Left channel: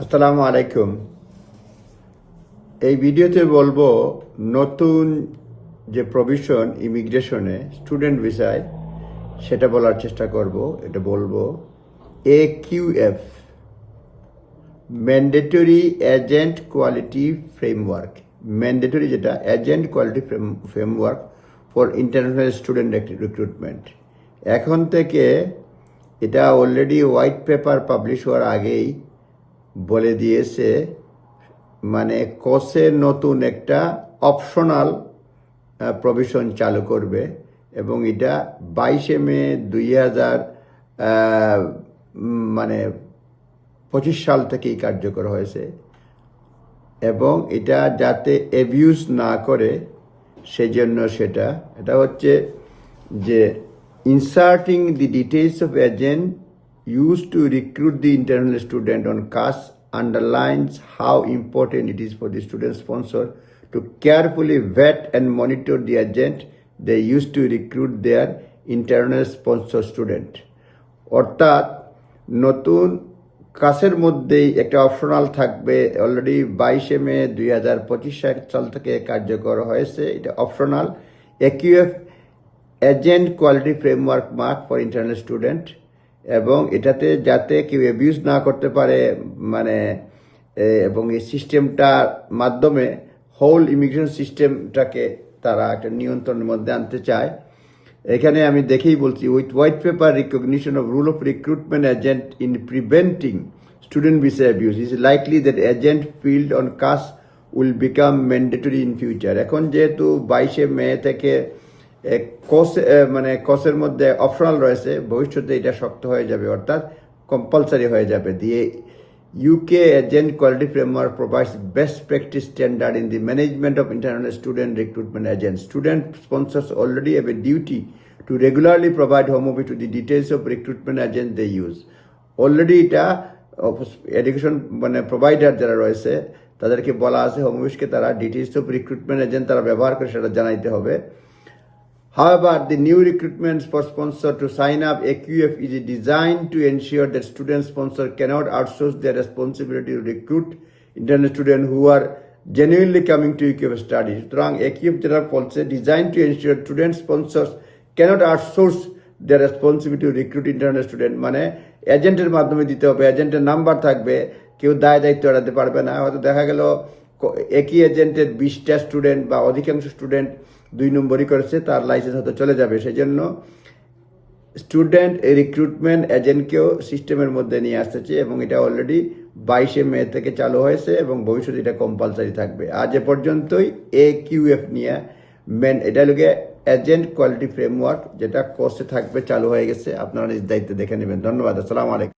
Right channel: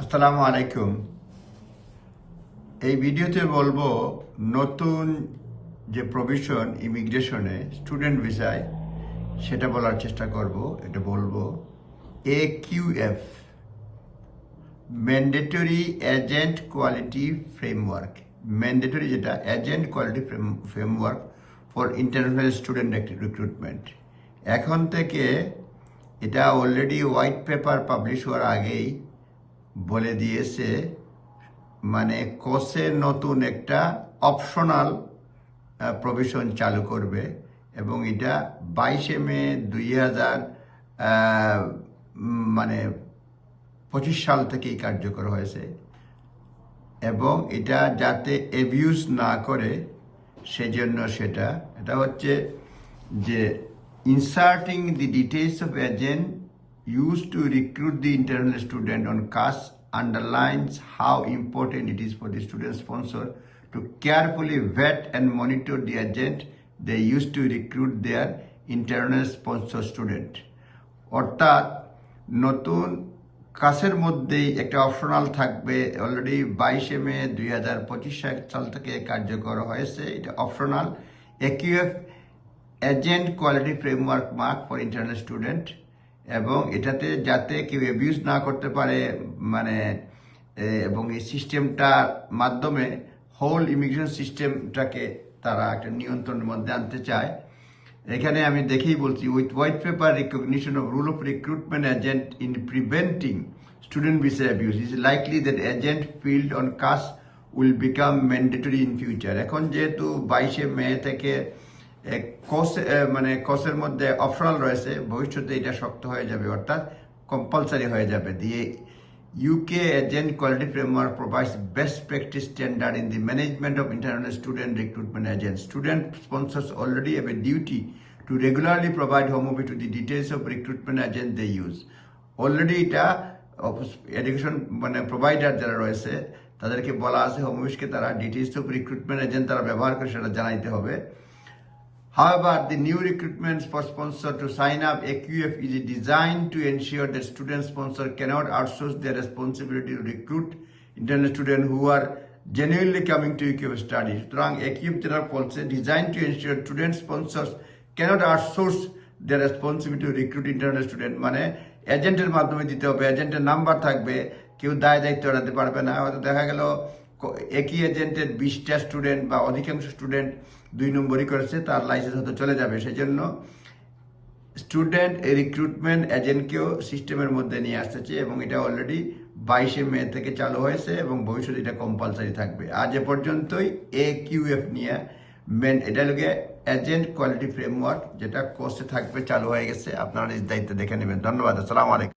আসসালামু আলাইকুম। এই ভিডিওতে বলবো নতুন যে প্রভিশন ইমিগ্রেশনে স্টুডেন্ট ভিসায় সেটা বলার চেষ্টা করব। এটা বলবো AQF, mandatory agent quality framework. Mandatory যেটা agent quality framework for international student recruitment. এখন থেকে এটা অলরেডি হোয়াইট পেপার পাবলিশ হওয়ার আগেই বলে দিয়েছে, মানে কোর্সে নতুন একটা অপশনাল প্রভিশন চালু করবে এবং এটা 22 মে 2025 সাল থেকেই কার্যকর হয়েছে এবং এটা যাতে অ্যাবিউজ না করে সেজন্য এটা হচ্ছে যে inserting the details of agent used to recruit the international student on CAS underlines how important it is for the student sponsor to carefully vet and monitor the agent they use to recruit their internal sponsor student. অর্থাৎ নতুন কাসের মধ্যেই একটা optional থাকবে। Already 22 মে 2025 সাল থেকে কার্যকর হয়েছে। এটা optional AQF agent quality framework mark for international student, এবং এটাতে যাতে কেউ অ্যাবিউজ না করতে পারে এবং এই সিস্টেমটার মাধ্যমে হোল ইমিগ্রেশন সিস্টেমটাকে তারা একটা নিয়ন্ত্রণের মধ্যে আনতে চায়। এখানে আমি দেখেই বলছি, with white paper recognition of rule of recruitment agent in preventing student visa abuse is likely that agent field on CAS will become mandatory in future. এখন যেহেতু 22 মে থেকে কোর্সের মধ্যে অপশনাল রয়েছে, ভবিষ্যতে এটা শক্ত হয়ে যাবে, অর্থাৎ কম্পালসারি হয়ে যাবে। দিয়ে UK Agent Quality Framework provides best practice standard in the management of international student recruitment agents. Student sponsors already have a duty to regularly provide Home Office to the details of recruitment agent they use. Already এটা education provider যারা রয়েছে তাদেরকে বলা আছে home অফিসকে তারা details of recruitment agent তারা ব্যবহার করে সেটা জানাইতে হবে। However, the new recruitment for sponsor to sign up AQF is designed to ensure that student sponsor cannot outsource their responsibility to recruit international students who are genuinely coming to AQF studies. সুতরাং AQF যেটা বলছে, designed to ensure student sponsors cannot outsource their responsibility to recruit international student, মানে এজেন্টের মাধ্যমে দিতে হবে, এজেন্টের number থাকবে, কেউ দায়িত্ব এড়াতে পারবে না। হয়তো দেখা গেল একই এজেন্টের 20টা স্টুডেন্ট বা অধিকাংশ স্টুডেন্ট 2 নম্বরই করেছে, তার লাইসেন্স হয়তো চলে যাবে। সেই জন্য স্টুডেন্ট রিক্রুটমেন্ট এজেন্টকেও সিস্টেমের মধ্যে নিয়ে আসতেছে এবং এটা অলরেডি 22 মে থেকে চালু হয়েছে এবং ভবিষ্যতে এটা কম্পালসারি থাকবে। আজ এ পর্যন্তই AQF নিয়ে এটা লোকে এজেন্ট কোয়ালিটি ফ্রেমওয়ার্ক, যেটা কোর্সে থাকবে, চালু হয়ে গেছে। আপনারা নিজ দায়িত্বে দেখে নেবেন। ধন্যবাদ। আসসালামু আলাইকুম।